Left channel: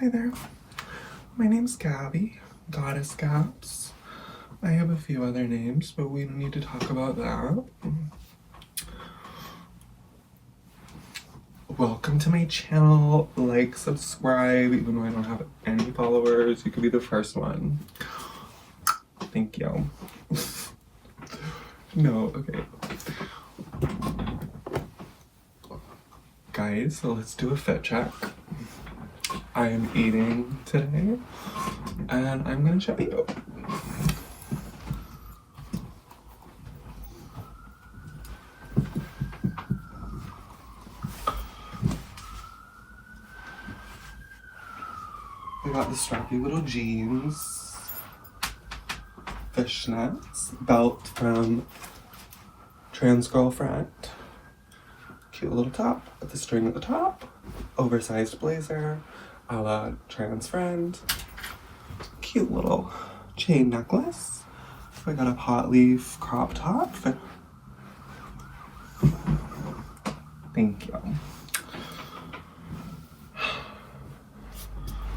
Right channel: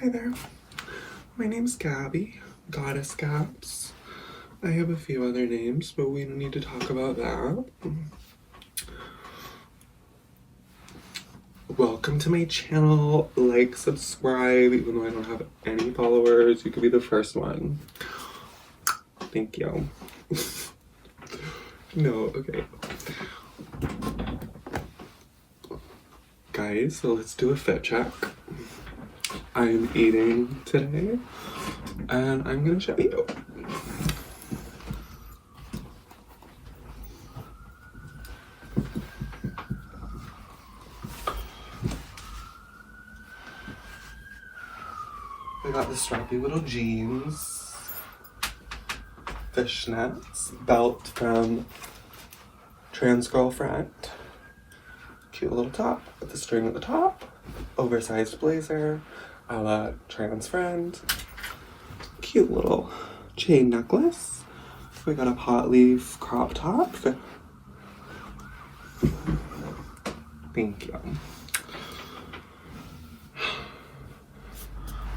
Hi there. My name's Gabby, Goddess Gabs. I have a few other names, but we don't need to talk about that. Welcome to my channel. Like, subscribe, even though I don't have any followers. You could be the first one. Thank you. No, okay. Guys, so let's do a fit check. I am eating today, and I'm gonna show you. I got the strappy little jeans, fishnets, belt from Trans Girlfriend, cute little top with the string at the top, oversized blazer, a la Trans Friend, cute little chain necklace. I got a pot leaf crop top. Thank you.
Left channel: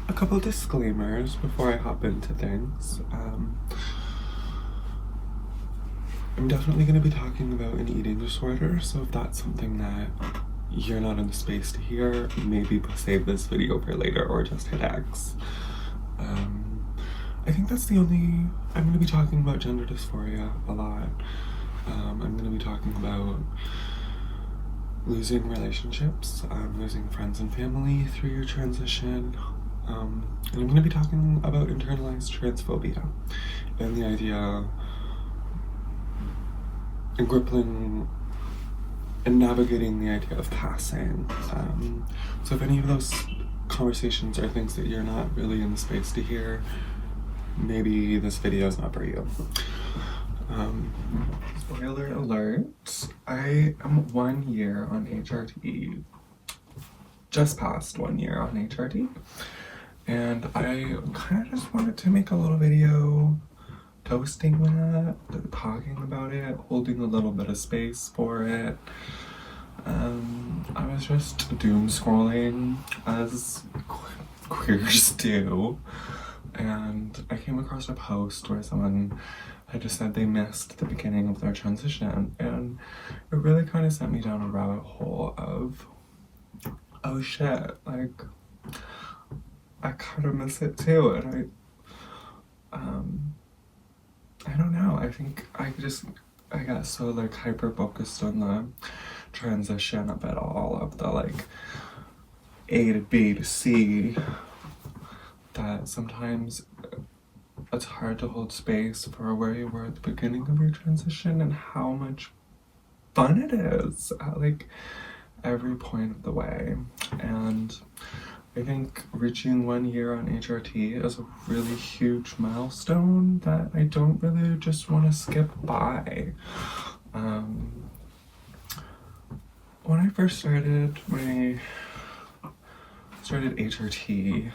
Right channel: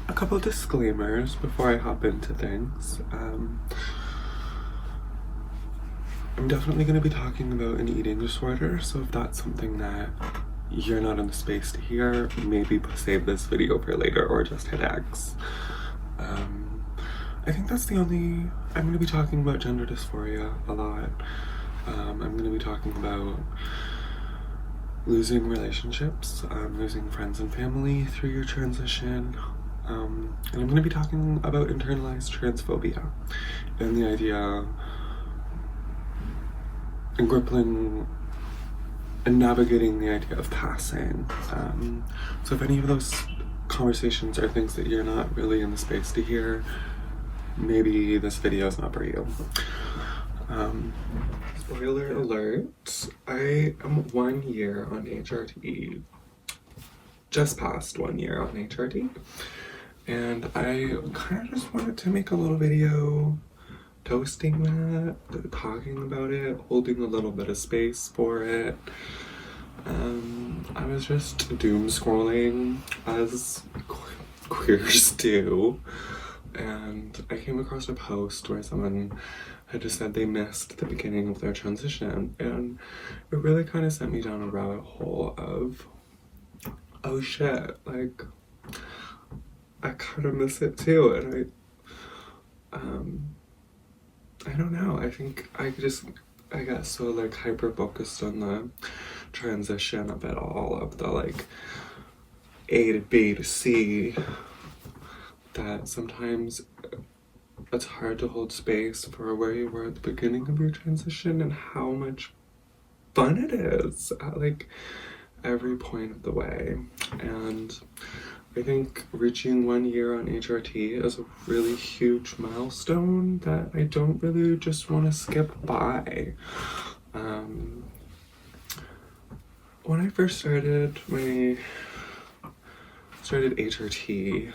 A couple disclaimers before I hop into things. I'm definitely going to be talking about an eating disorder, so if that's something that you're not in the space to hear, maybe save this video for later or just hit X. I think that's the only... I'm going to be talking about gender dysphoria a lot. I'm going to be talking about losing relationships, losing friends and family through your transition. And I'm going to be talking about internalized transphobia and the idea and grappling and navigating the idea of passing. So if any of those conversations are things that you're not really in the space to hear, maybe this video is not for you. Spoiler alert, I am 1 year on HRT, just past 1 year on HRT, and I kind of just wanted to make a little video toasting that, talking about it, holding a little bit of space for it. I was just doom scrolling as queers do, and I came across a post where someone had just said they missed the beginning of their transition, and it really kind of sent me down a rabbit hole of, oh shit, like, I kind of miss it too, and I don't know, I think I got so like hyper focused on the transition of it all, of the like A to B to C, that sometimes it's hard to hold space for where you were at the beginning of your transition and how much fun it is at like every point of the way. And I think reaching 1 year on HRT is a really huge milestone that I don't really just want to skip by. When I first started HRT,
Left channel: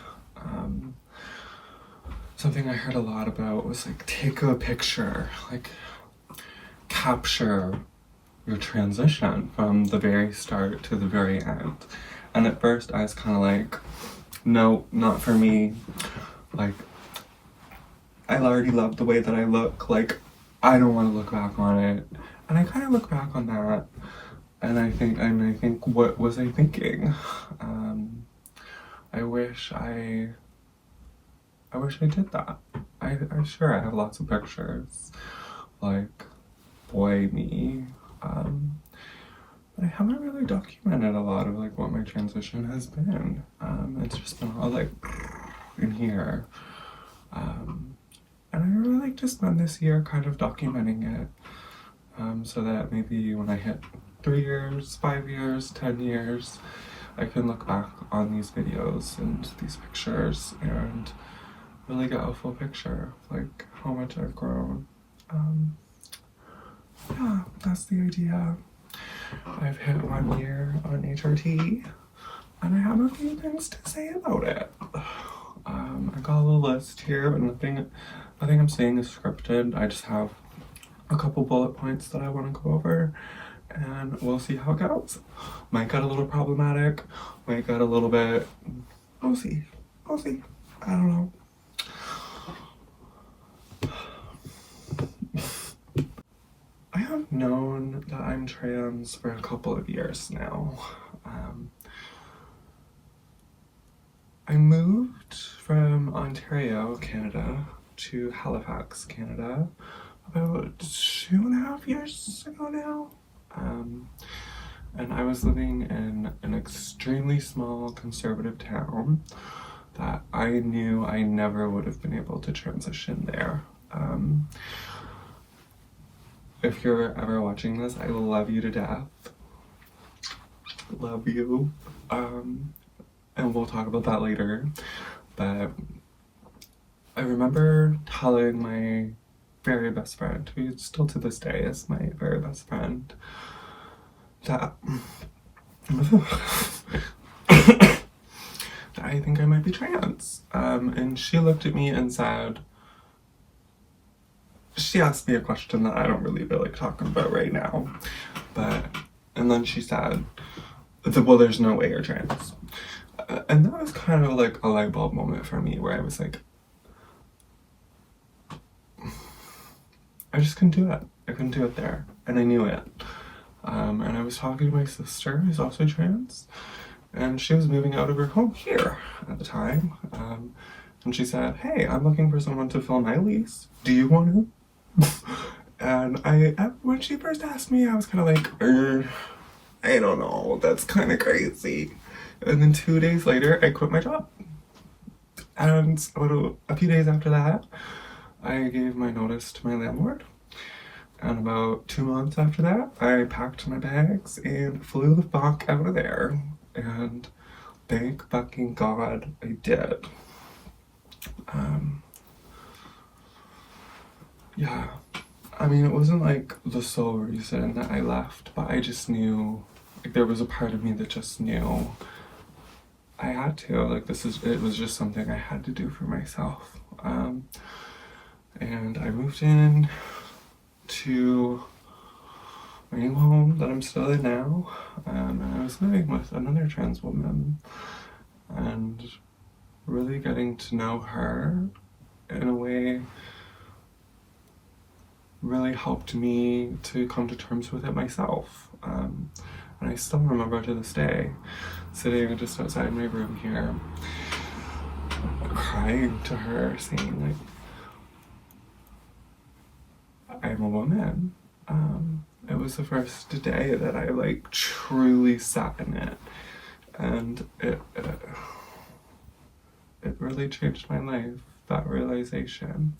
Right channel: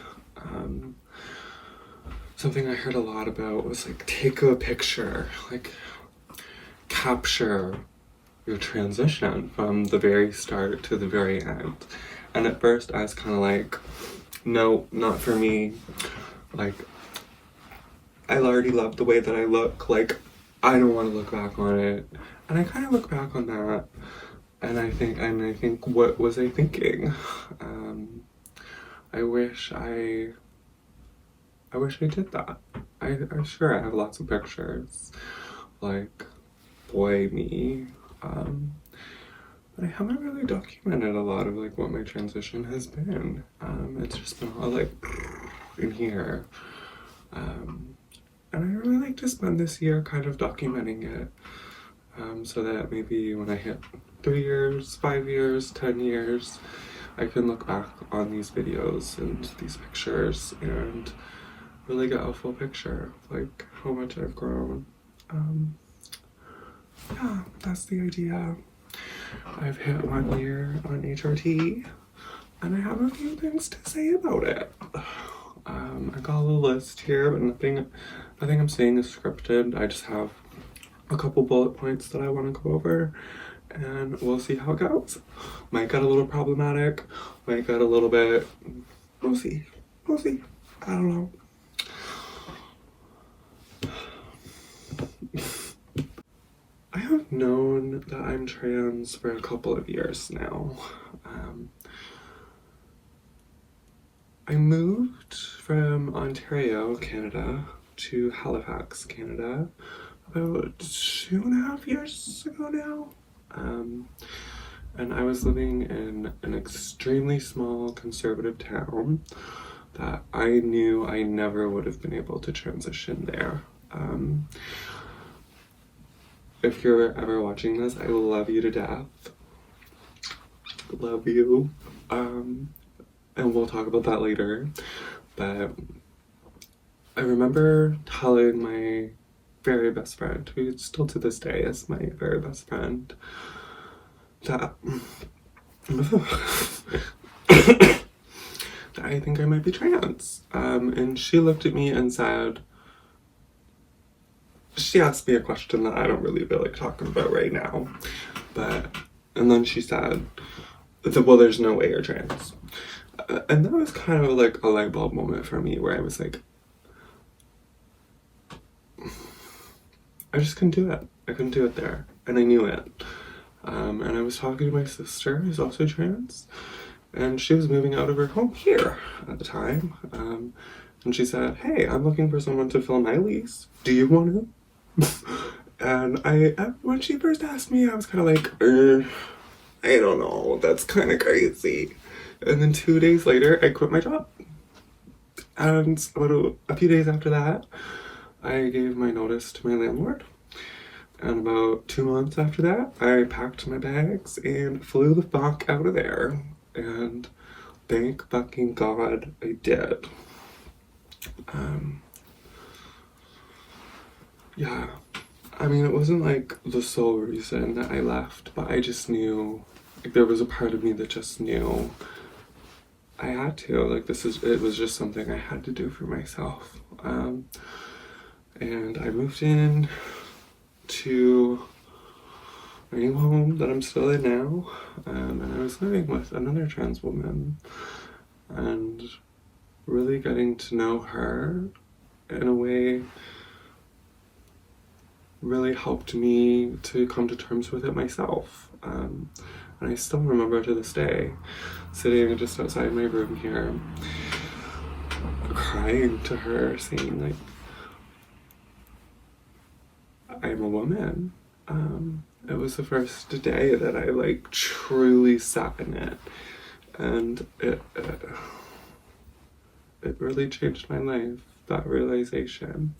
something I heard a lot about was like, take a picture, like capture your transition from the very start to the very end. And at first I was kind of like, no, not for me. Like, I already love the way that I look. Like, I don't want to look back on it. And I kind of look back on that, and I think, what was I thinking? I wish I did that. I'm sure I have lots of pictures, like, boy me. But I haven't really documented a lot of like what my transition has been. It's just been all like in here. And I really like to spend this year kind of documenting it, so that maybe when I hit 3 years, 5 years, 10 years, I can look back on these videos and these pictures and really get a full picture of like how much I've grown. Yeah, that's the idea. I've hit 1 year on HRT, and I have a few things to say about it. I got a little list here, but nothing I'm saying is scripted. I just have a couple bullet points that I want to go over, and we'll see how it goes. Might get a little problematic, might get a little bit, we'll see. We'll see. I don't know. I have known that I'm trans for a couple of years now. I moved from Ontario, Canada, to Halifax, Canada, about 2.5 years ago now. And I was living in an extremely small conservative town that I knew I never would have been able to transition there. If you're ever watching this, I love you to death. Love you. And we'll talk about that later. But I remember telling my very best friend, who still to this day is my very best friend, that I think I might be trans. And she looked at me and said, she asked me a question that I don't really feel like talking about right now. And then she said, well, there's no way you're trans. And that was kind of like a light bulb moment for me, where I was like, I just couldn't do it. I couldn't do it there. And I knew it. And I was talking to my sister, who's also trans, and she was moving out of her home here at the time. And she said, hey, I'm looking for someone to fill my lease. Do you want to? And when she first asked me, I was kind of like, I don't know, that's kind of crazy. And then 2 days later, I quit my job. And a few days after that, I gave my notice to my landlord. And about 2 months after that, I packed my bags and flew the fuck out of there. And thank fucking God I did. Yeah. I mean, it wasn't like the sole reason that I left, but I just knew, like, there was a part of me that just knew I had to, like, it was just something I had to do for myself. And I moved in to a new home that I'm still in now, and I was living with another trans woman, and really getting to know her in a way really helped me to come to terms with it myself. And I still remember to this day, sitting just outside my room here, crying to her, saying, like, I'm a woman. It was the first day that I, like, truly sat in it, and it really changed my life, that realization.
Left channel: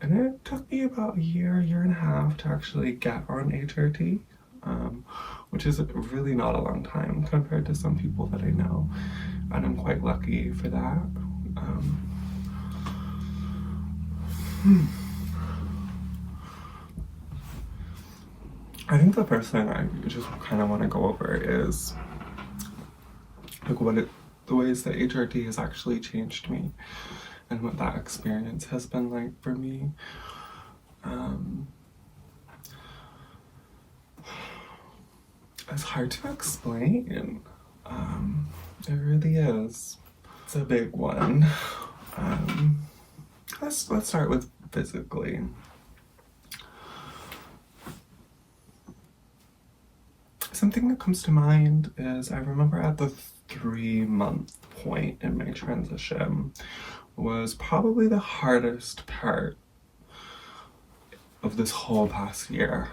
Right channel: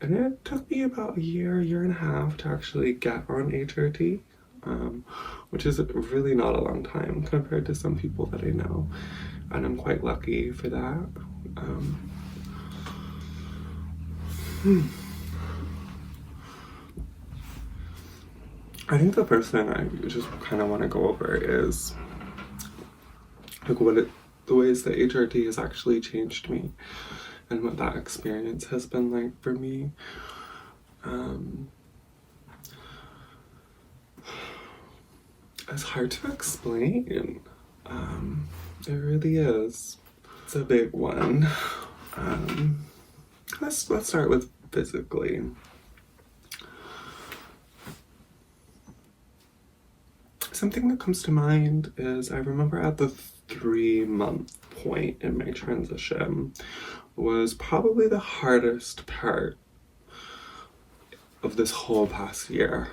And it took me about a year and a half to actually get on HRT, which is really not a long time compared to some people that I know, and I'm quite lucky for that. I think the first thing I just kind of want to go over is like the ways that HRT has actually changed me, and what that experience has been like for me. It's hard to explain. It really is. It's a big one. Let's start with physically. Something that comes to mind is I remember at the 3-month point in my transition was probably the hardest part of this whole past year.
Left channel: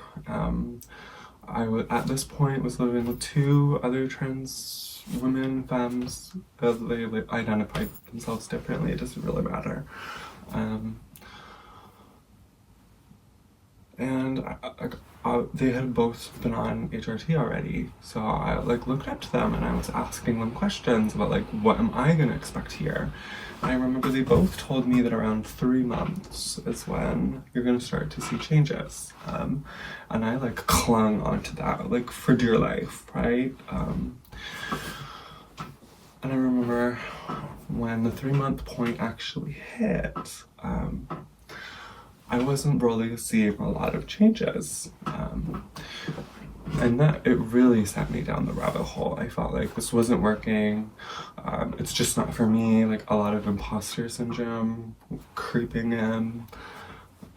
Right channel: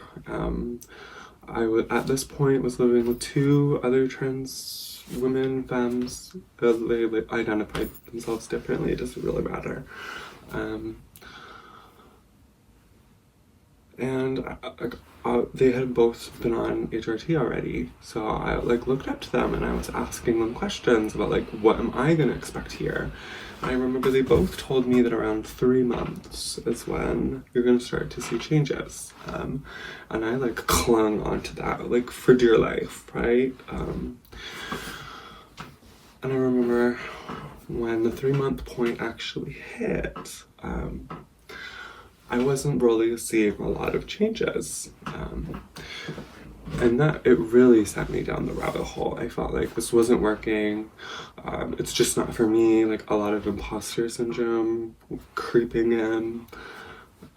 At this point was living with 2 other trans women, femmes. They identified themselves differently, it doesn't really matter. They had both been on HRT already, so I looked up to them and I was asking them questions about what am I gonna expect here. I remember they both told me that around 3 months is when you're gonna start to see changes, and I clung onto that for dear life, right? And I remember when the 3-month point actually hit, I wasn't really seeing a lot of changes. And that, it really sent me down the rabbit hole. I felt like this wasn't working. It's just not for me. Like, a lot of imposter syndrome creeping in.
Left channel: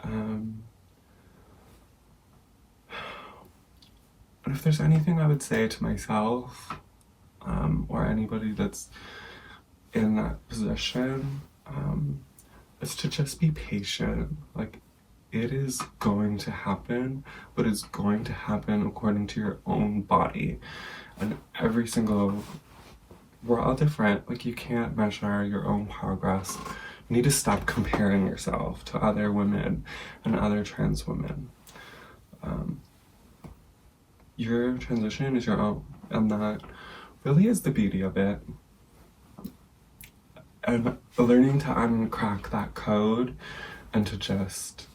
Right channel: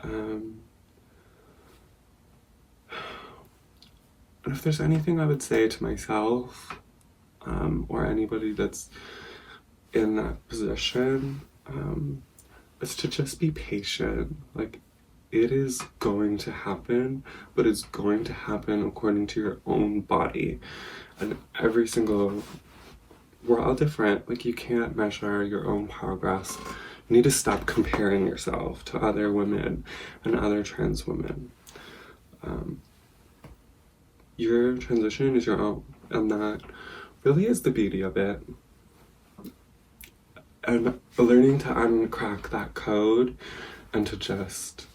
And if there's anything I would say to myself, or anybody that's in that position, is to just be patient. Like, it is going to happen, but it's going to happen according to your own body. And we're all different. Like, you can't measure your own progress. You need to stop comparing yourself to other women and other trans women. Your transition is your own, and that really is the beauty of it. And learning to uncrack that code and to just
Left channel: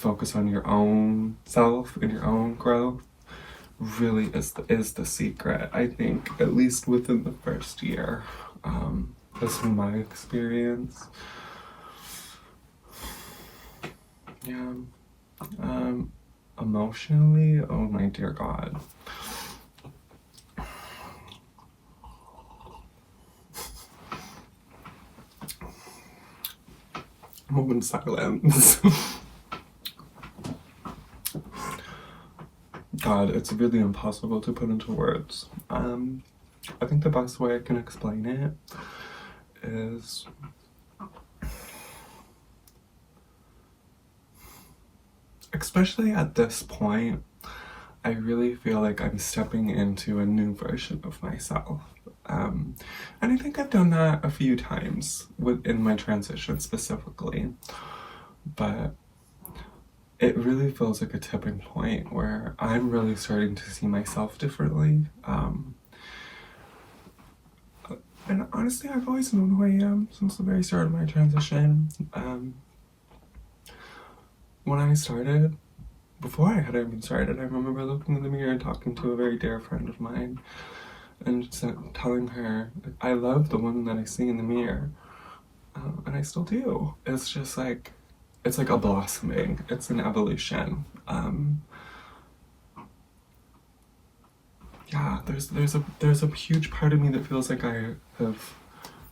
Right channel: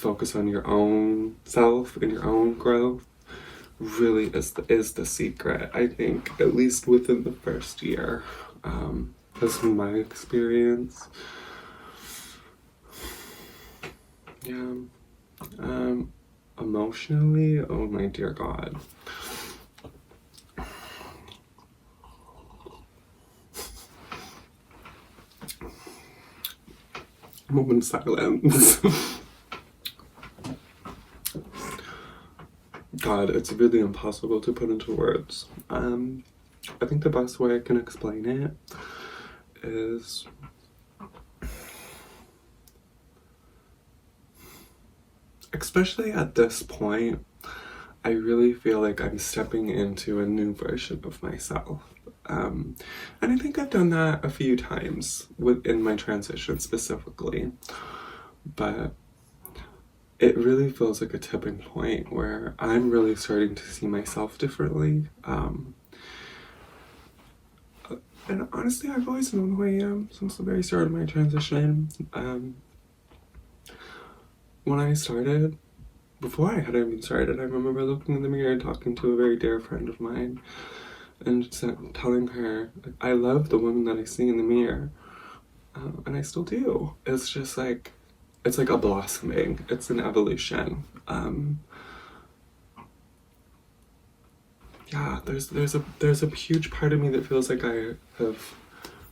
focus on your own self and your own growth really is the secret, I think, at least within the first year. That's been my experience. Yeah. Emotionally, oh my dear God. Moment silence. God, it's really impossible to put into words. I think the best way I can explain it is especially at this point, I really feel like I'm stepping into a new version of myself. And I think I've done that a few times within my transition specifically, but it really feels like a tipping point where I'm really starting to see myself differently. And honestly, I've always known who I am since the very start of my transition. When I started, before I had even started, I remember looking in the mirror and talking to a very dear friend of mine and telling her, I love the woman that I see in the mirror. And I still do. It's just like, it's like a blossoming. It's an evolution. Yeah, there's a huge part of me that feels like I have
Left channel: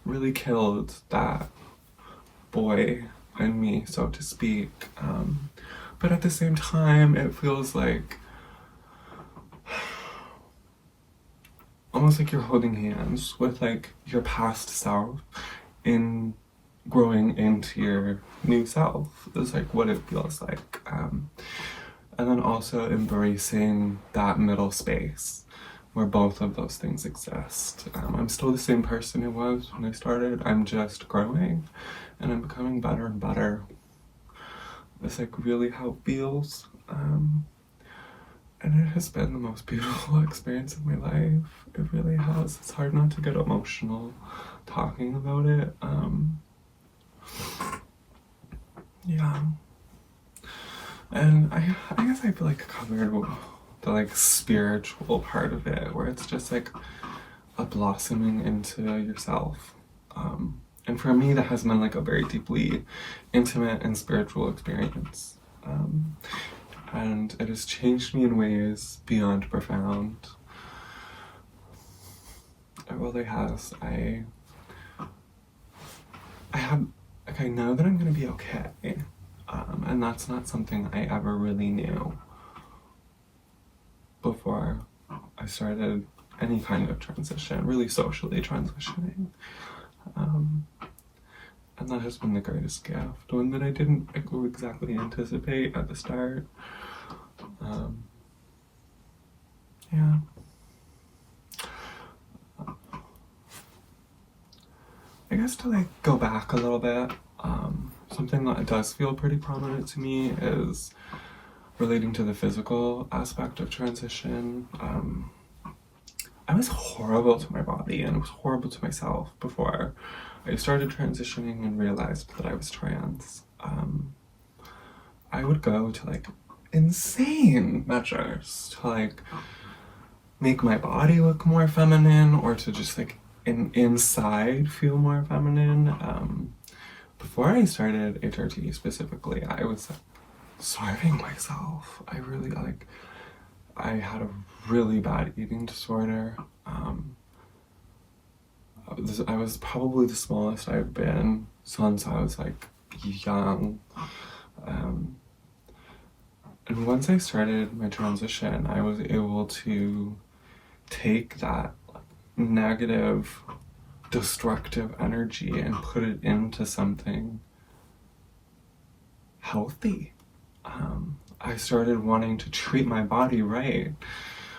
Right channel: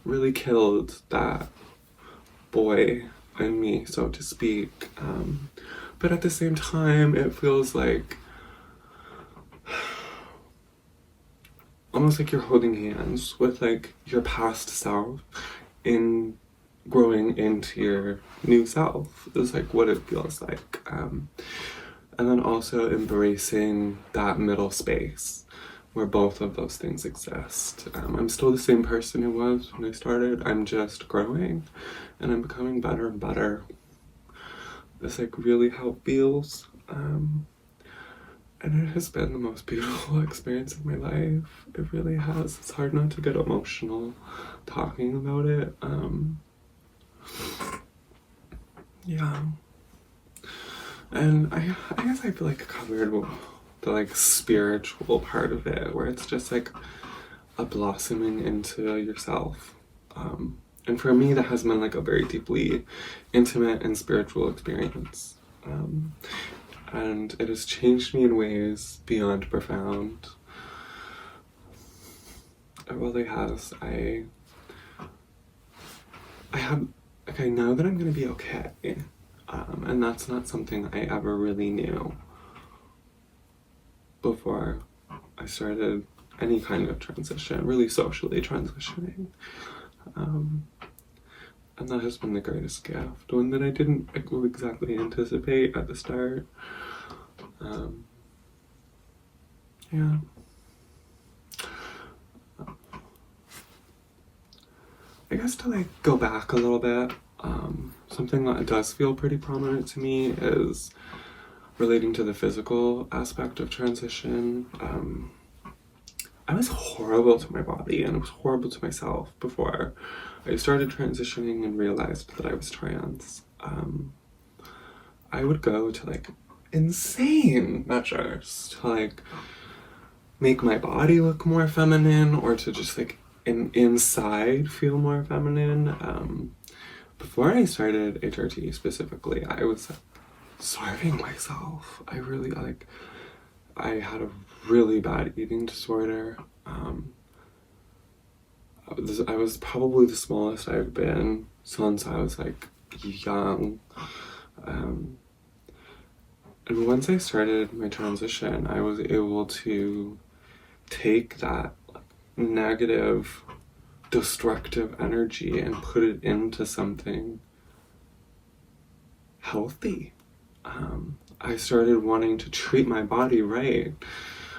really killed that boy in me, so to speak. But at the same time, it feels like almost like you're holding hands with like your past self in growing into your new self is like what it feels like. And then also embracing that middle space where both of those things exist. I'm still the same person I was when I started. I'm just growing and I'm becoming better and better. It's like really how it feels. And it has been the most beautiful experience of my life. It really has. It's hard not to get emotional talking about it. Yeah. And I guess I feel like covered the like spiritual part of it, where it's just like a blossoming into yourself. And for me, that has been like a very deeply intimate and spiritual experience. And it has changed me in ways beyond profound. It really has. I know that I'm gonna be okay. And that's not something I ever really knew before I started any kind of transition, really socially transitioning. And that has been the greatest gift, one that I didn't exactly anticipate at the start. Yeah. I guess to like go back a little bit, something that does feel pretty prominent to me is relating to the physical aspect of transition. I was horrible to my body and I was horrible to myself before I started transitioning and realized that I was trans. I would go to like insane measures to like make my body look more feminine or to just like inside feel more feminine. Before I started HRT specifically, I was starving myself. I had a really bad eating disorder. I was probably the smallest I've been since I was like young. And once I started my transition, I was able to take that negative, destructive energy and put it into something healthy. I started wanting to treat my body right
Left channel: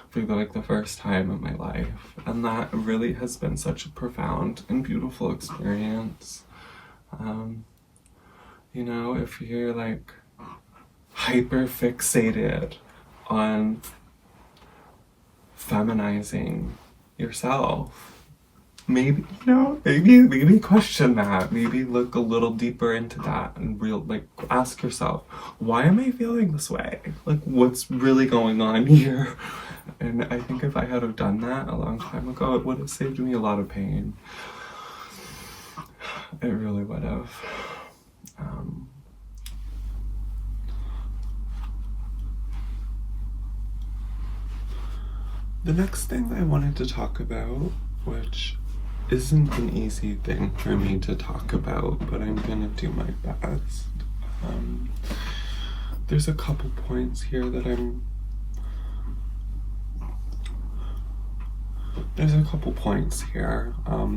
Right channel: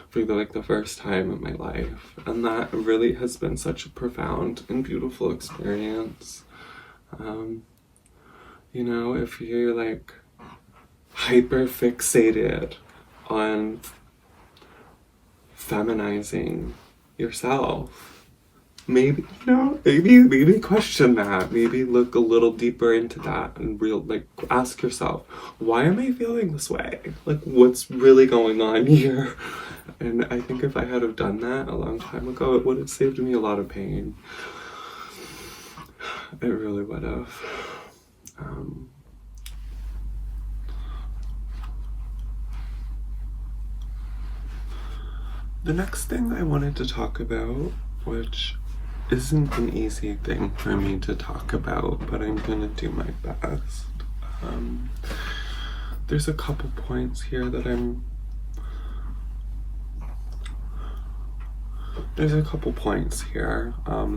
for the first time in my life, and that really has been such a profound and beautiful experience. You know, if you're like hyper fixated on feminizing yourself, maybe, you know, maybe question that. Maybe look a little deeper into that and ask yourself, why am I feeling this way? Like, what's really going on here? And I think if I had have done that a long time ago, it would have saved me a lot of pain. It really would have. The next thing I wanted to talk about, which isn't an easy thing for me to talk about, but I'm gonna do my best. There's a couple points here that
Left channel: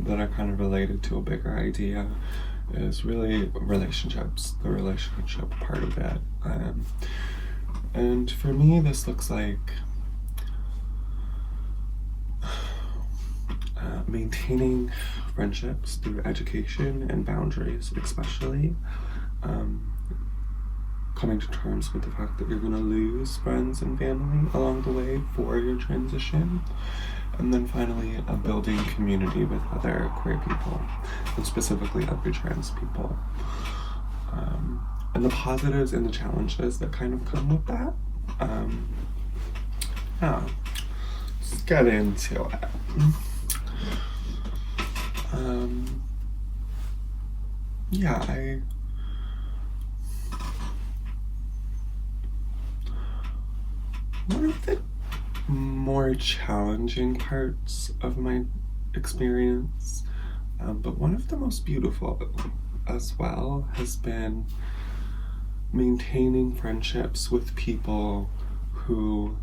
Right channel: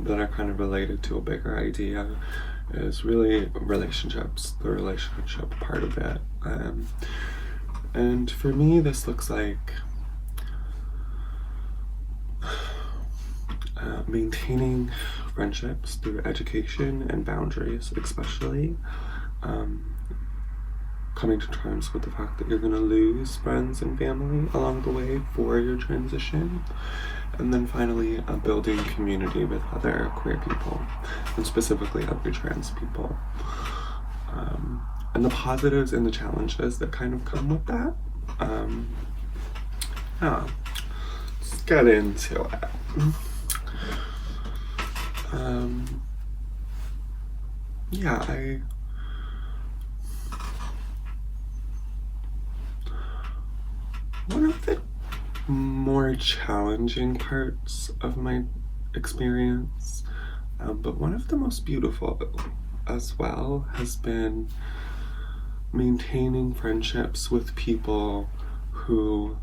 that are kind of related to a bigger idea, is really relationships, the relationship part of it. And for me, this looks like maintaining friendships through education and boundaries, especially coming to terms with the fact that you're going to lose friends and family along the way for your transition, and then finally building community with other queer people, and specifically other trans people, and the positives and the challenges that kind of come with that. Let's get into it. One of the more challenging parts of my experience, but one of the most beautiful as well, has been maintaining friendships with people who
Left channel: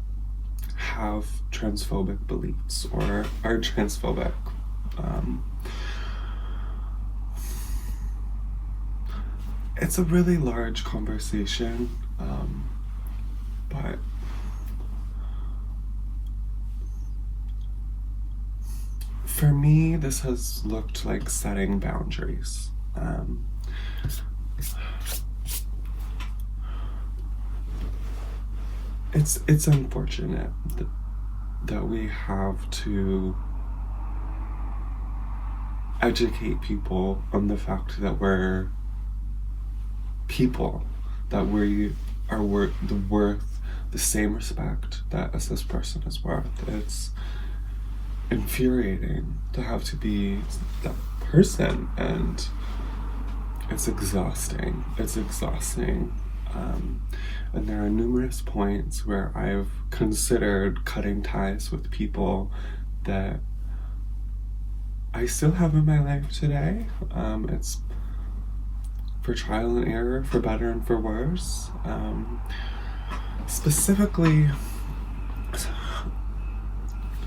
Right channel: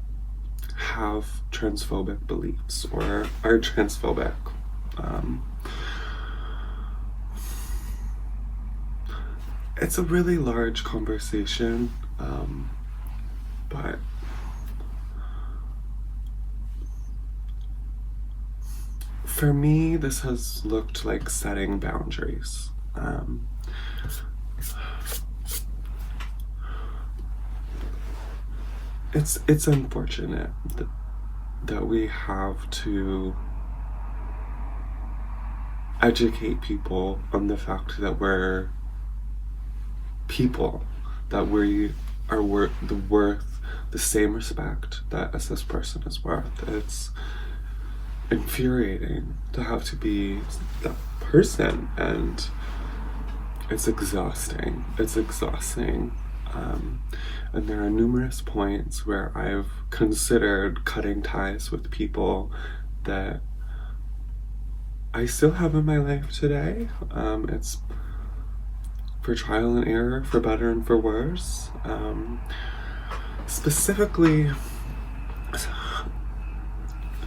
have transphobic beliefs or are transphobic. It's a really large conversation, but for me, this has looked like setting boundaries. It's unfortunate that we have to educate people on the fact that we're people, that we are worth the same respect that a cis person is worth. It's infuriating to have to be that person, and it's exhausting. And there are numerous points where I've considered cutting ties with people that I still have in my life today. It's for trial and error, for better and for worse. Specifically,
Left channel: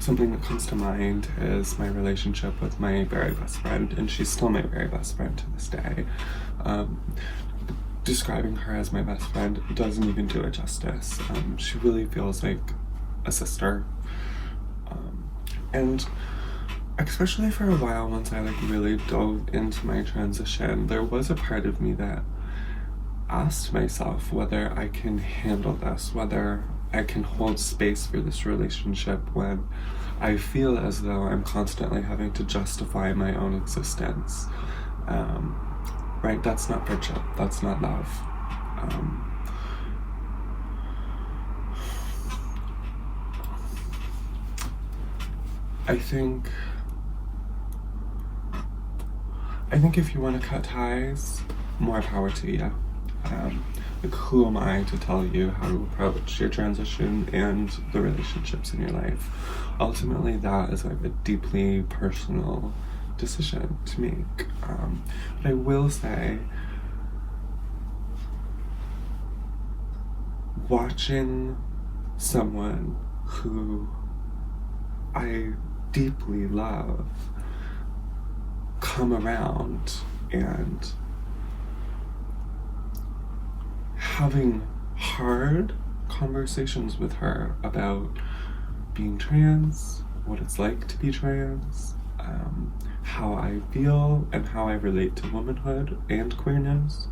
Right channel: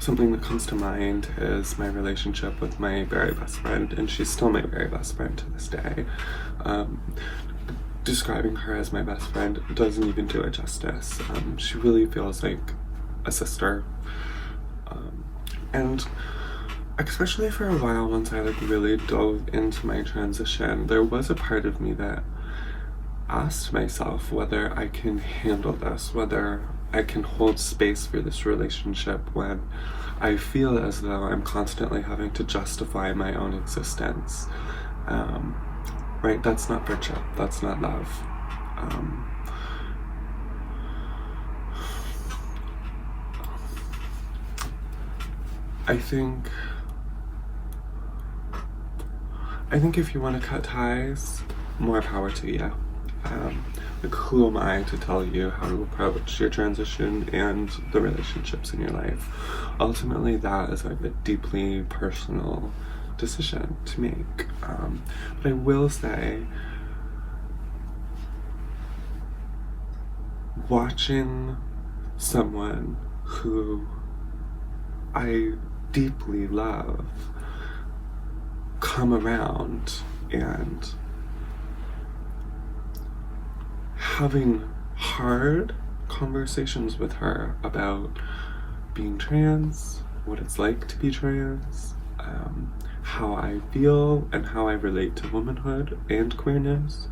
something that comes to mind is my relationship with my very best friend, and she's still my very best friend to this day. Describing her as my best friend doesn't even do it justice. She really feels like a sister. And especially for a while, once I really dove into my transition, there was a part of me that asked myself whether I can handle this, whether I can hold space for this relationship when I feel as though I'm constantly having to justify my own existence. Right? That's not friendship. That's not love. I think if you want to cut ties, more power to you. Like, who am I to tell you how to approach your transition and the relationships in your life? Ultimately, that is like a deeply personal decision to make. But I will say, watching someone who I deeply love come around and having hard conversations with her about being trans, what it's like to be trans, how I feel and how I relate to womanhood and queerness.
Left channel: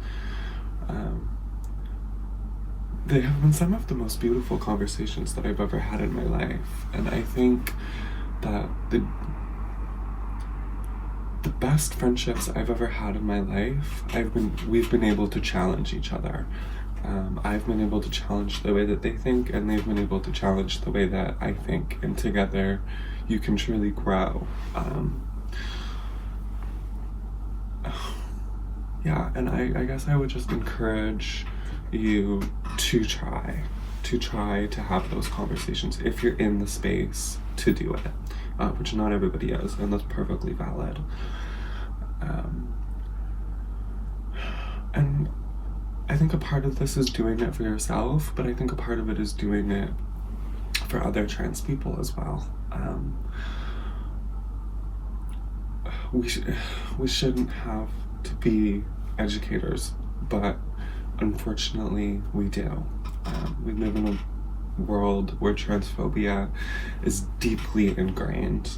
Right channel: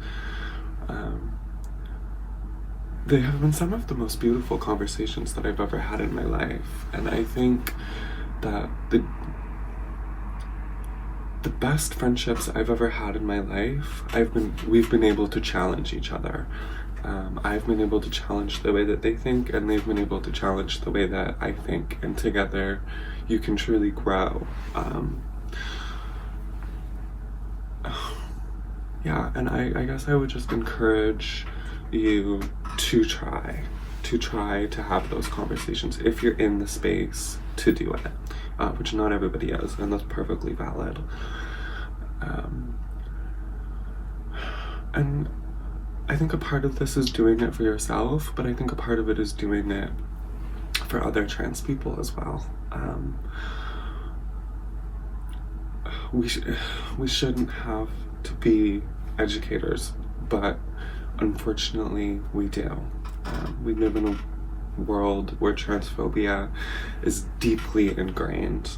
They have been some of the most beautiful conversations that I've ever had in my life, and I think that the best friendships I've ever had in my life, we've been able to challenge each other. I've been able to challenge the way that they think, and they've been able to challenge the way that I think, and together you can truly grow. Yeah, and I guess I would just encourage you to try to have those conversations if you're in the space to do it, which not everybody is, and that's perfectly valid. And I think a part of this is doing it for yourself, but I think a part of it is doing it for other trans people as well. We shouldn't have to be educators, but unfortunately we do. We live in a world where transphobia is deeply ingrained.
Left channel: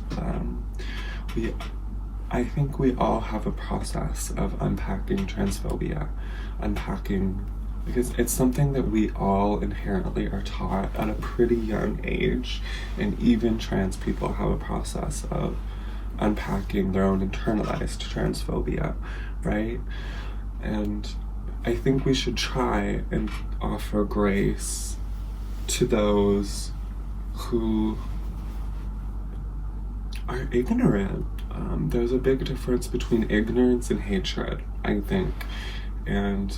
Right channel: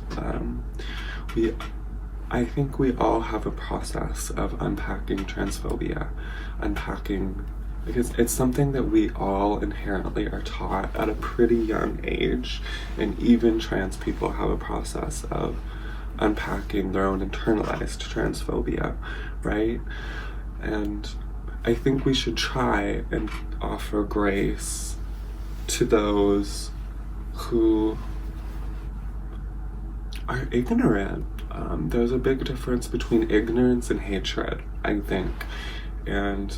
I think we all have a process of unpacking transphobia, because it's something that we all inherently are taught at a pretty young age, and even trans people have a process of unpacking their own internalized transphobia, right? And I think we should try and offer grace to those who are ignorant. There's a big difference between ignorance and hatred, I think, and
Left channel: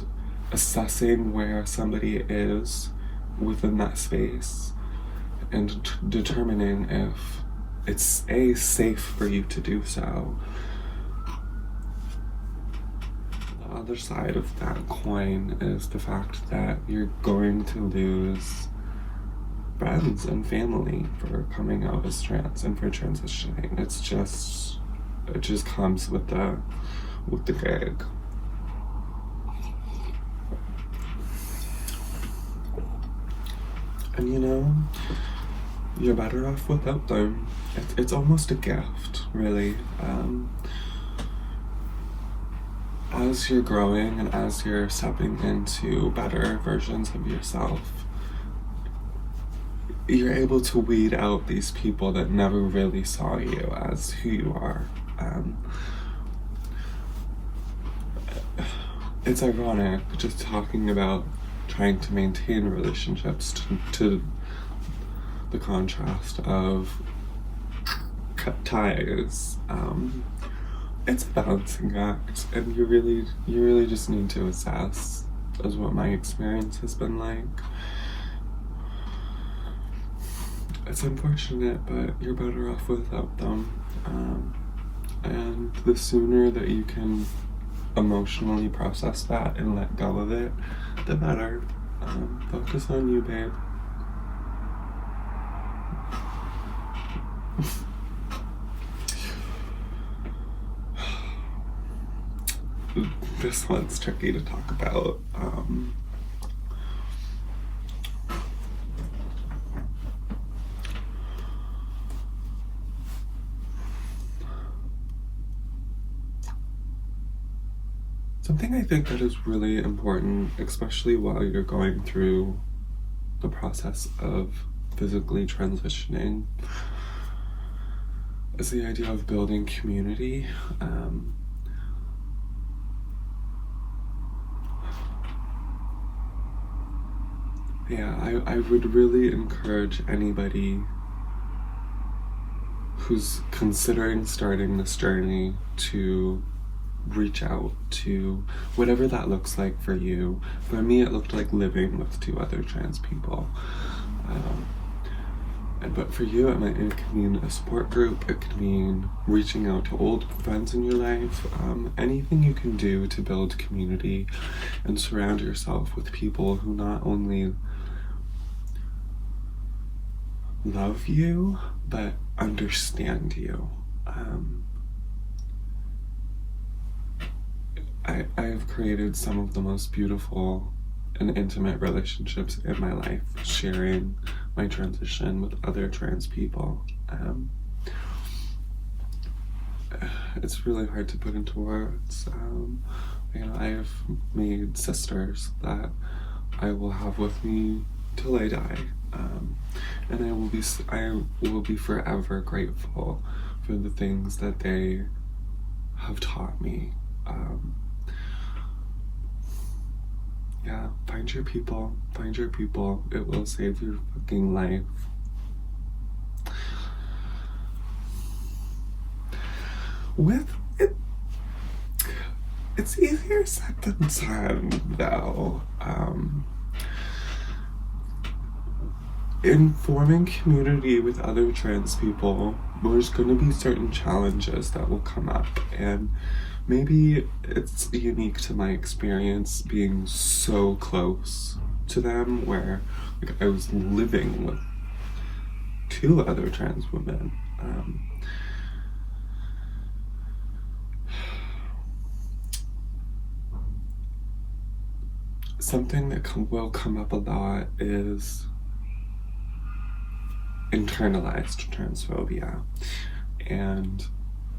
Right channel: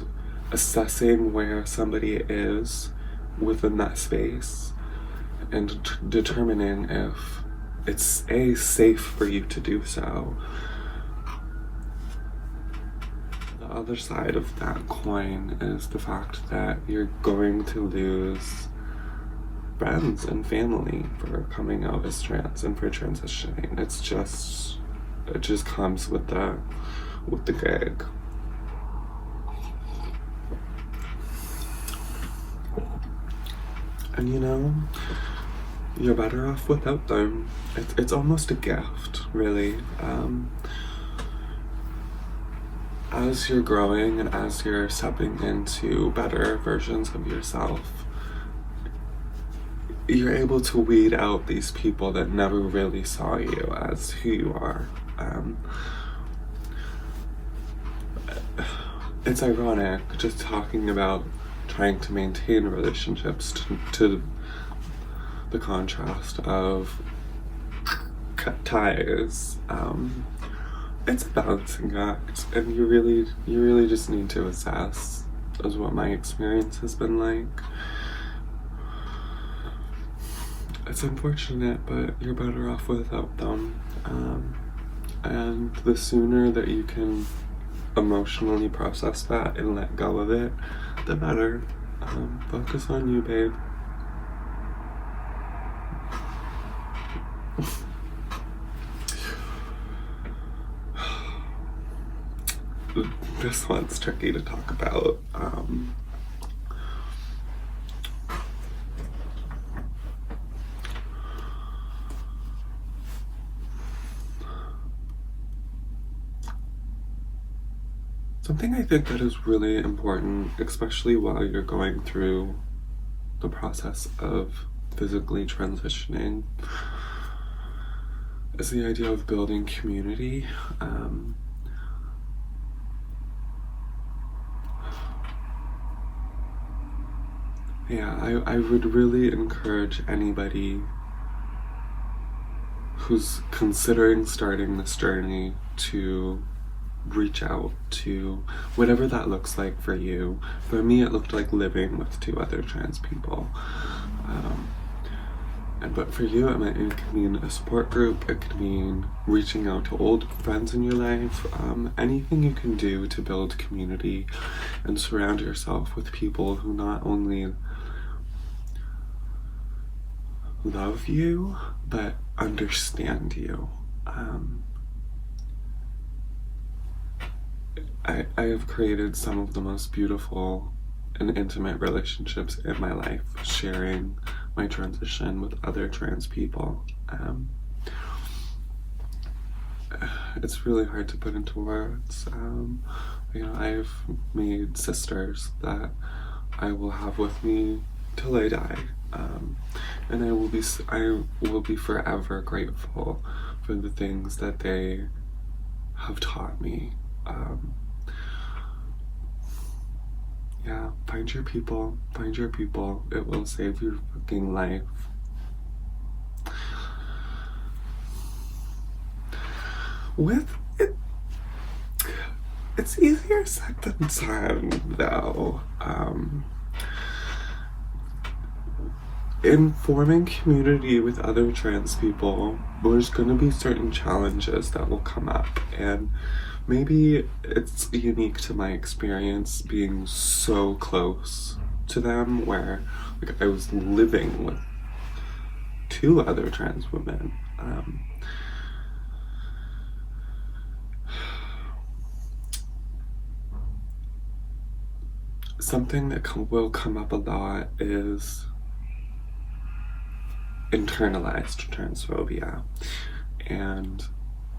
assessing where somebody is within that space and determining if it's safe for you to do so. The other side of that coin is the fact that you're going to lose friends and family for coming out as trans and for transitioning. It just comes with the gig. And you're better off without them. It's almost a gift, really. As you're growing and as you're stepping into better versions of yourself, you're able to weed out these people that never really saw you as who you are. It's ironic just talking about trying to maintain relationships to the contrast of cut ties. It's a balancing act, and you really just need to assess, is what my experience has been like. It's unfortunate, but you're better off without them. And the sooner that you can emotionally process that and let go of it, the better. Focus on you, babe. This one's tricky to talk about. Something I think that is really important, especially while you're going through the process of physically transitioning, is the idea of building community. I would really encourage anybody who's considering starting this journey to reach out to whatever that looks like for you. For me, it looked like living with 2 other trans people. But for you, it could mean a support group, it could mean reaching out to old friends in your life, anything you can do to build community and surround yourself with people who not only love you, but understand you. I have created some of the most beautiful and intimate relationships in my life, sharing my transition with other trans people. It's really hard to put into words. I've made sisters that I will have with me till I die, and I will be forever grateful for the things that they have taught me. Yeah, find your people. It will save your fucking life. With it, it's easier said than done, though. In forming community with other trans people, there's going to be certain challenges that will come up, and maybe it's unique to my experience being so close to them, where I was living with 2 other trans women. Something that will come up a lot is internalized transphobia and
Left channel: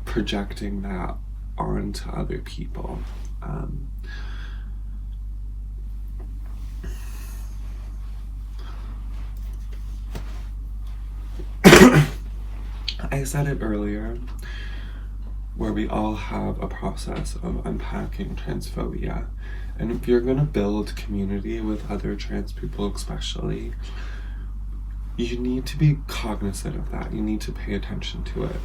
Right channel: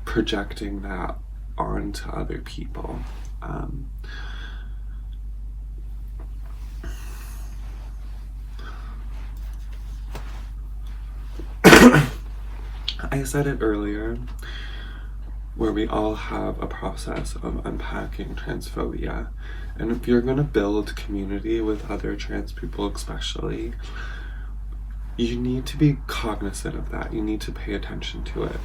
projecting that onto other people. I said it earlier, where we all have a process of unpacking transphobia. And if you're going to build community with other trans people especially, you need to be cognizant of that. You need to pay attention to it.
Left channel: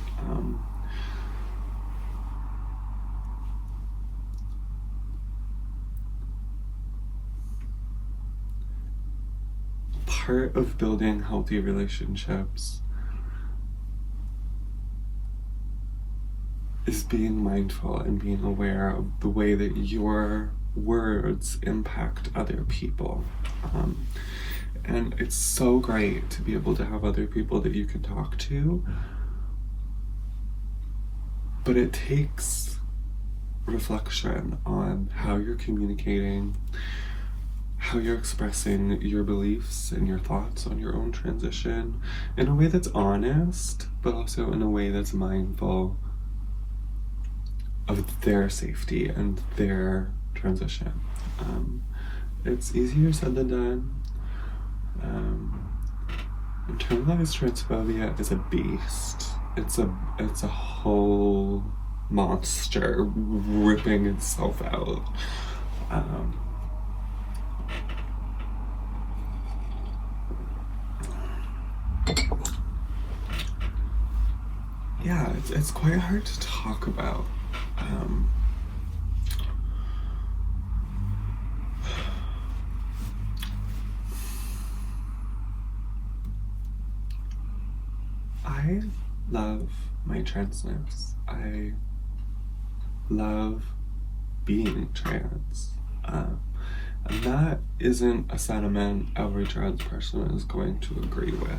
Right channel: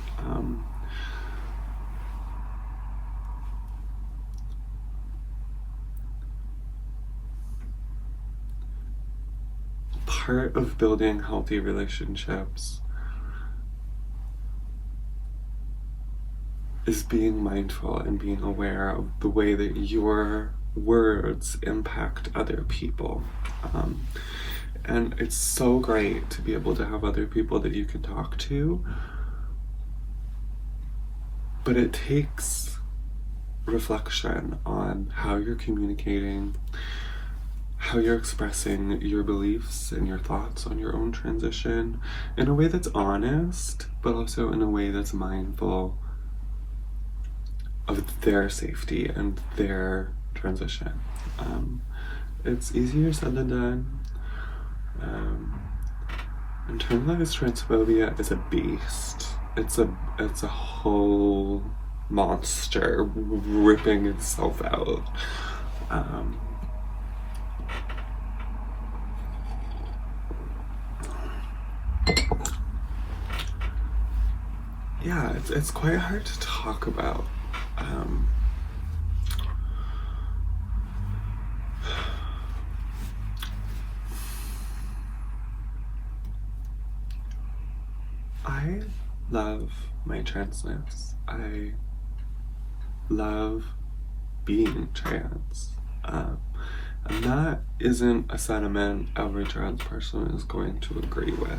Part of building healthy relationships is being mindful and being aware of the way that your words impact other people. And it's so great to be able to have other people that you can talk to, but it takes reflection on how you're communicating, how you're expressing your beliefs and your thoughts on your own transition in a way that's honest, but also in a way that's mindful of their safety and their transition. It's easier said than done. Internalized transphobia is a beast. It's a whole monster ripping itself out. Yeah, it's quite hard to talk about. I love my transness. I love being trans. And that isn't a sentiment every trans person is going to agree with.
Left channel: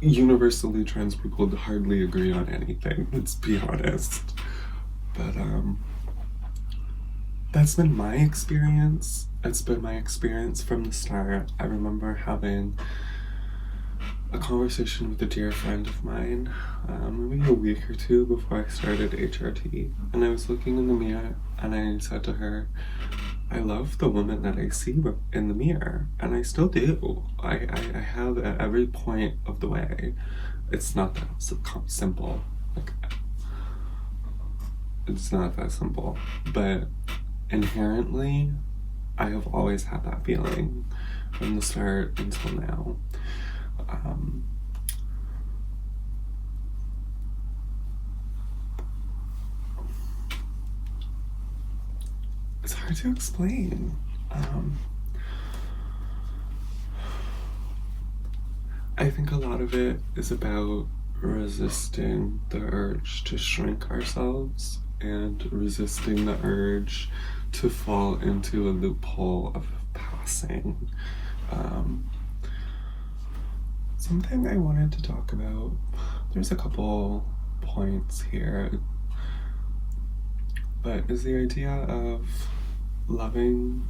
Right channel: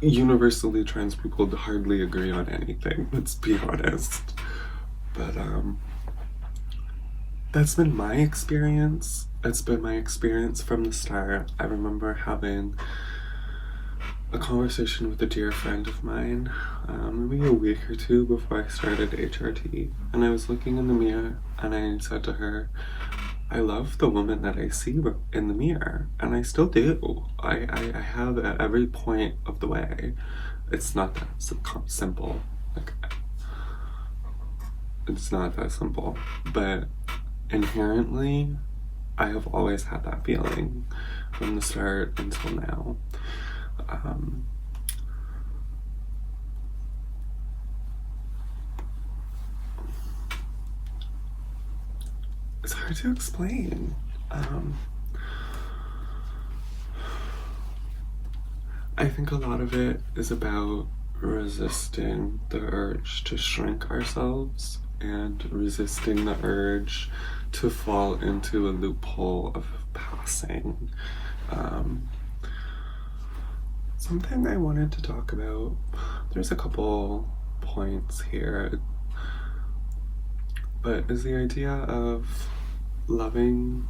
Universally, trans people hardly agree on anything, let's be honest. But that's been my experience. It's been my experience from the start. I remember having a conversation with a dear friend of mine, maybe a week or 2 before I started HRT, and I was looking in the mirror and I said to her, I love the woman that I see in the mirror, and I still do. I have at every point of the way. It's not that simple. It's not that simple, but inherently, I have always had that feeling from the start until now. it's hard to explain. I think a lot of it is about resisting the urge to shrink ourselves and resisting the urge to fall into a loophole of passing. Something I wanted to talk about, there's a couple points here, but is the idea of loving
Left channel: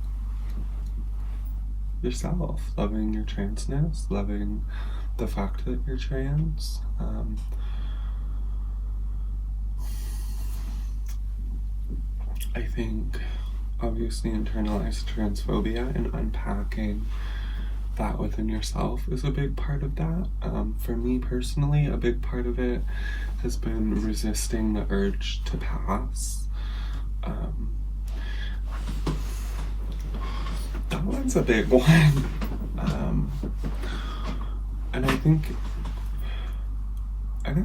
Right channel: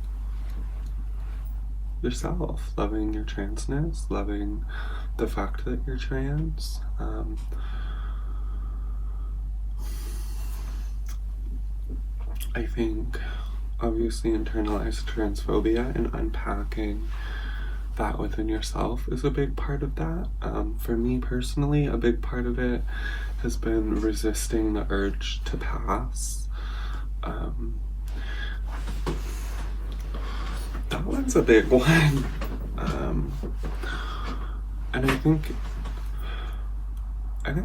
yourself, loving your transness, loving the fact that you're trans. I think obviously internalized transphobia and unpacking that within yourself is a big part of that. For me personally, a big part of it has been resisting the urge to pass. That one's a big one. And I think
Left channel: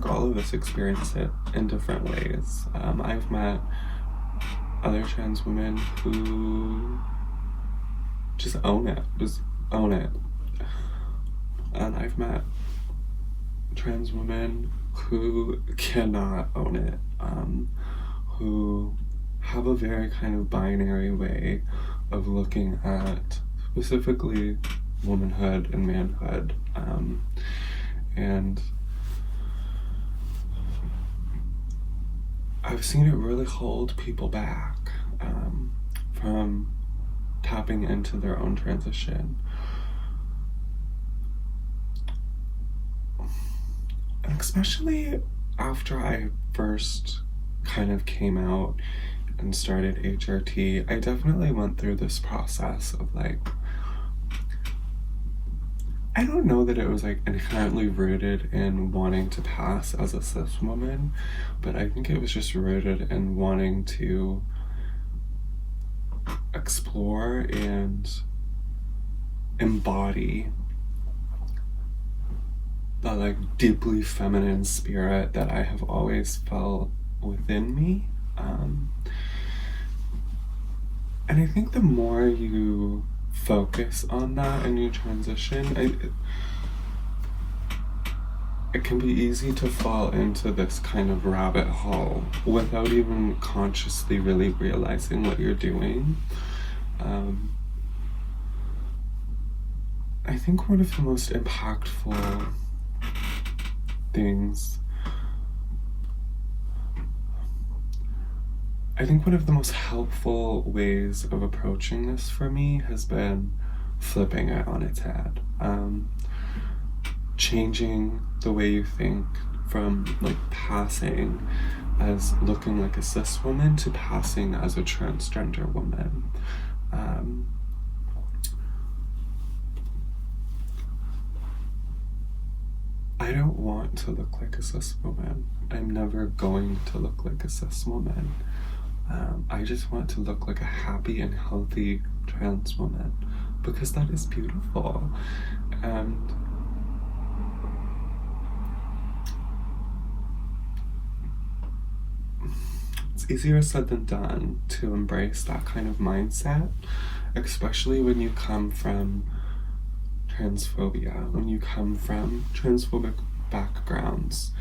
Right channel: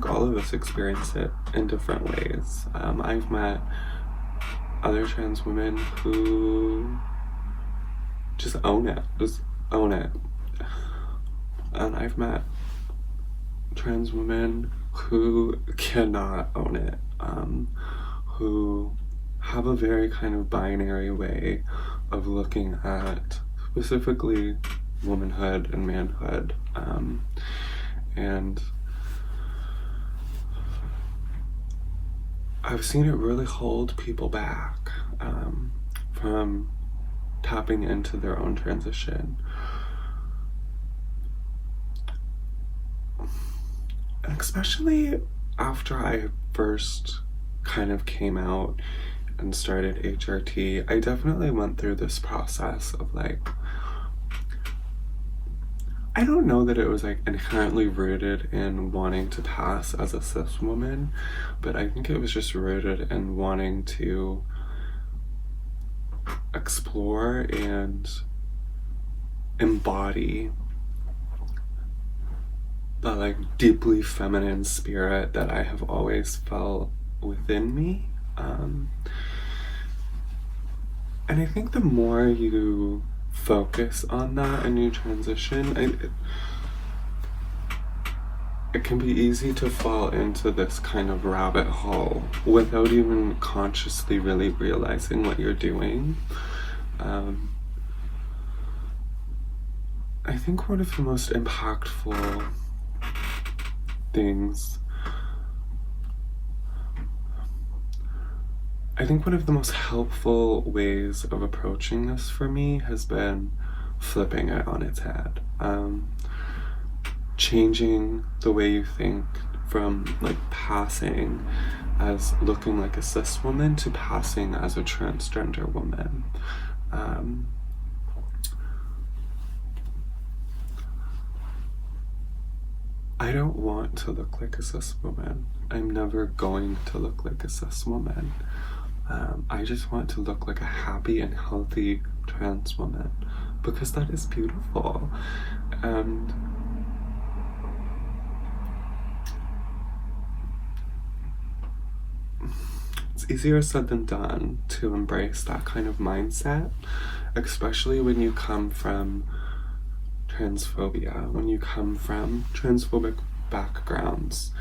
all of us experience it in different ways. I've met other trans women who just own it. And I've met trans women who cannot own it, who have a very kind of binary way of looking at specifically womanhood and manhood. And I've seen it really hold people back from tapping into their own transition. And especially after I first kind of came out and started HRT, I definitely went through this process of like, I don't know that it was like inherently rooted in wanting to pass as a cis woman, but I think it was just rooted in wanting to explore and embody the like deeply feminine spirit that I have always felt within me. And I think the more you focus on that and you transition, it can be easy to fall into this kind of rabbit hole without even consciously really realizing what you're doing. I think one of the most impactful things, I think one of the most helpful ways of approaching this for me has been flipping it on its head. Changing the way you think from like passing as looking like a cis woman to passing as a transgender woman. I don't want to look like a cis woman. I'm never going to look like a cis woman. I just want to look like a happy and healthy trans woman because that is beautiful. And it's easier said than done to embrace that kind of mindset, especially when you come from transphobia, when you come from transphobic backgrounds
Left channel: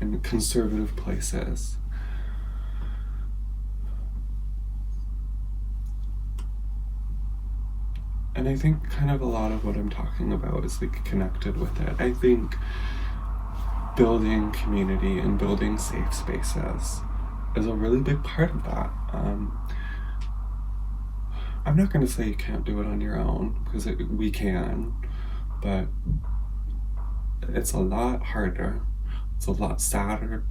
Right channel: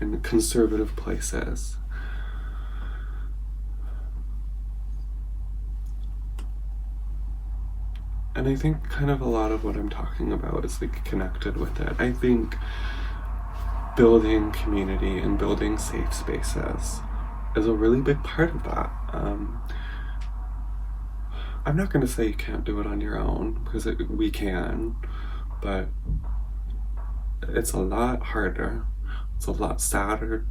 and conservative places. And I think kind of a lot of what I'm talking about is like connected with it. I think building community and building safe spaces is a really big part of that. I'm not going to say you can't do it on your own, because we can, but it's a lot harder, it's a lot sadder,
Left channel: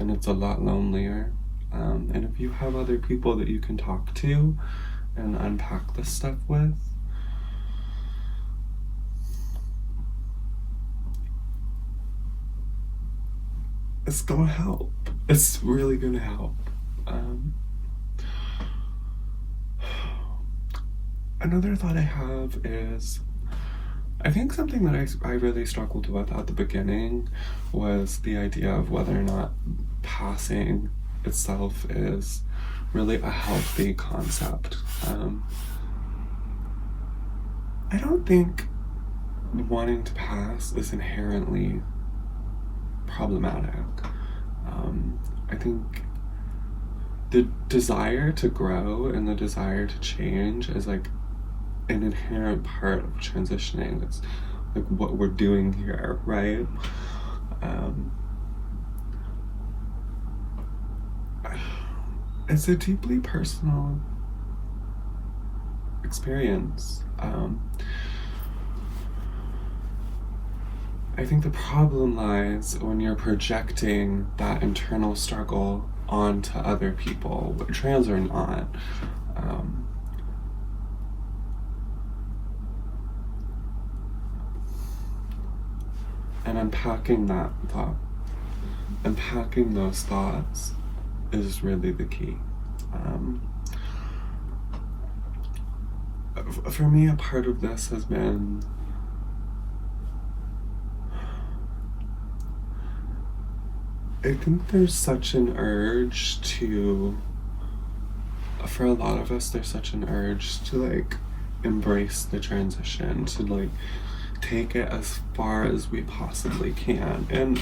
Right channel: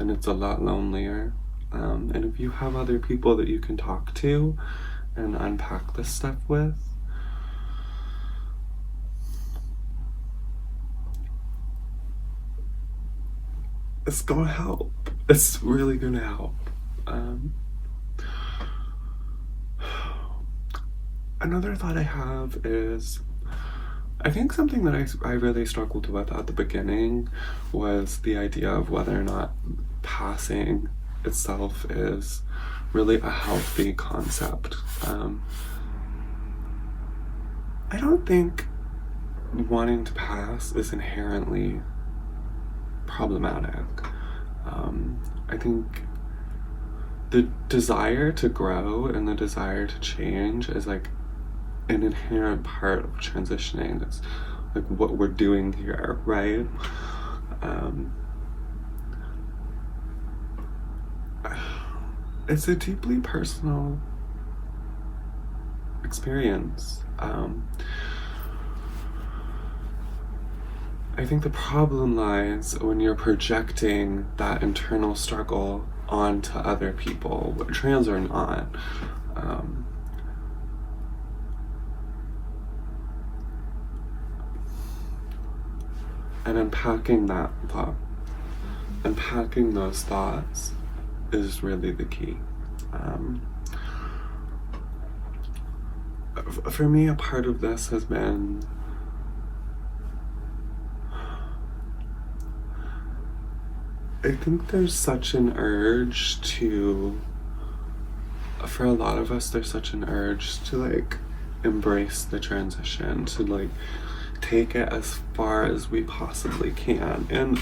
and it's a lot lonelier. And if you have other people that you can talk to and unpack this stuff with, it's gonna help. It's really gonna help. Another thought I have is, I think something that I really struggled with at the beginning was the idea of whether or not passing itself is really a healthy concept. I don't think wanting to pass is inherently problematic. I think the desire to grow and the desire to change is like an inherent part of transitioning. It's like what we're doing here, right? It's a deeply personal experience. I think the problem lies when you're projecting that internal struggle onto other people, trans or not. And unpacking that thought, unpacking those thoughts is really the key. For me, a part of this has been I think there's such an urge to, for a lot of us, there's such an urge to like embrace the transition, to like take it as far as we possibly can. And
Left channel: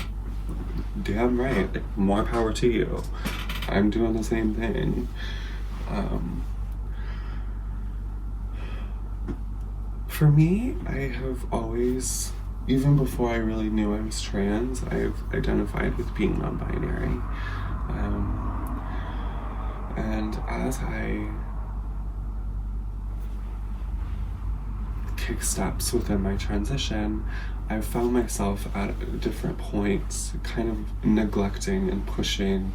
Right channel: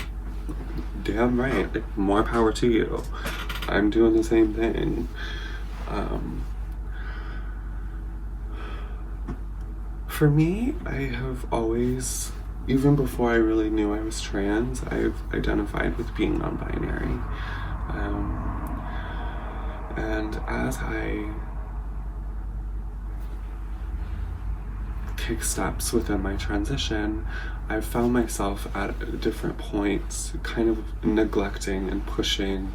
damn right, like, more power to you. I'm doing the same thing. For me, I have always, even before I really knew I was trans, I've identified with being non-binary. And as I take steps within my transition, I've found myself at different points kind of neglecting and pushing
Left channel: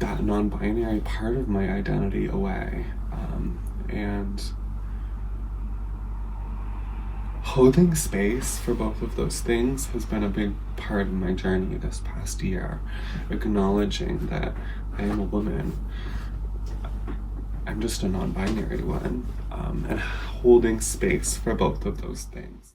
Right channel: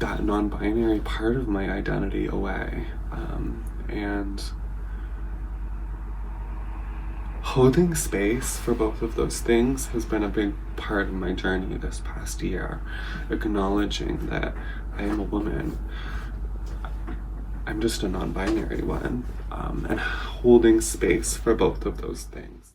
that non-binary part of my identity away. And holding space for both of those things has been a big part of my journey this past year. Acknowledging that I am a woman, I'm just a non-binary one, and holding space for both of those things.